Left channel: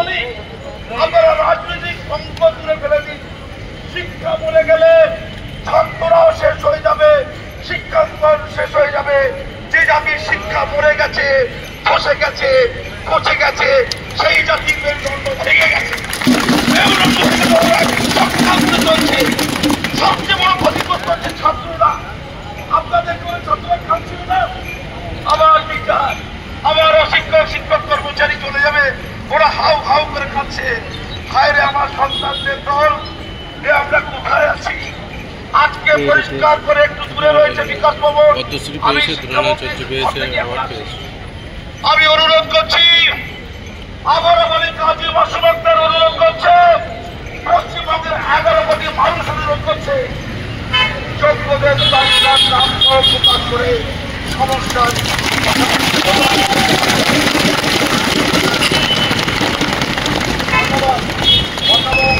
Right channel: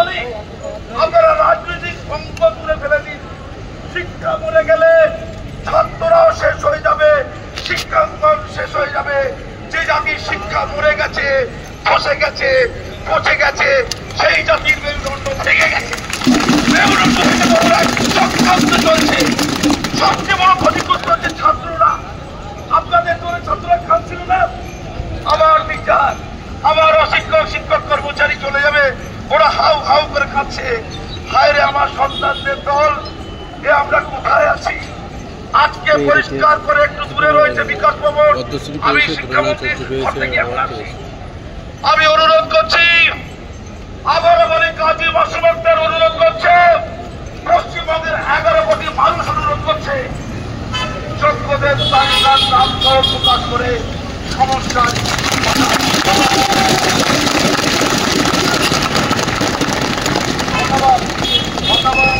বলি, আপনারা রাজনৈতিক অঙ্ক তুলে ফেলে দিন। শিক্ষা মরে গেলে ছাত্ররাও শেষ হয়ে যাবে, শিক্ষাঙ্গন শেষ হয়ে যাবে। যে জাতির শিক্ষা মরে গেছে, ফসে গেছে, পচে গেছে, সেই জাতির মেরুদণ্ড ভেঙে গেছে। চক্রান্ত চলছে। সবচেয়ে বড় ক্ষতিগ্রস্ত হচ্ছে ছাত্ররা। আপনাদের করে ছাত্ররা খাচ্ছিল না, আবার টিচার, আবার অশিক্ষক শিক্ষক কর্মচারী চলে যাবে, ওরা হাউ হাউ করে খাচ্ছে। হায় রে আমার সন্তানদের দল, এ আমরা কোথায় আছি? আজকে পরিষ্কার করে একটু দূরে রয়েছে বিকাশ ভবন। আমি অনুরোধ করছি, আবার বলি কাজী মাসুম আক্তার অনুরোধ করছে, পশ্চিমবঙ্গের 11 কোটি মানুষ অনুরোধ করছে, যোগ্যদের তালিকার নাম সহ প্রকাশ করে সমস্যার ধন্যবাদ।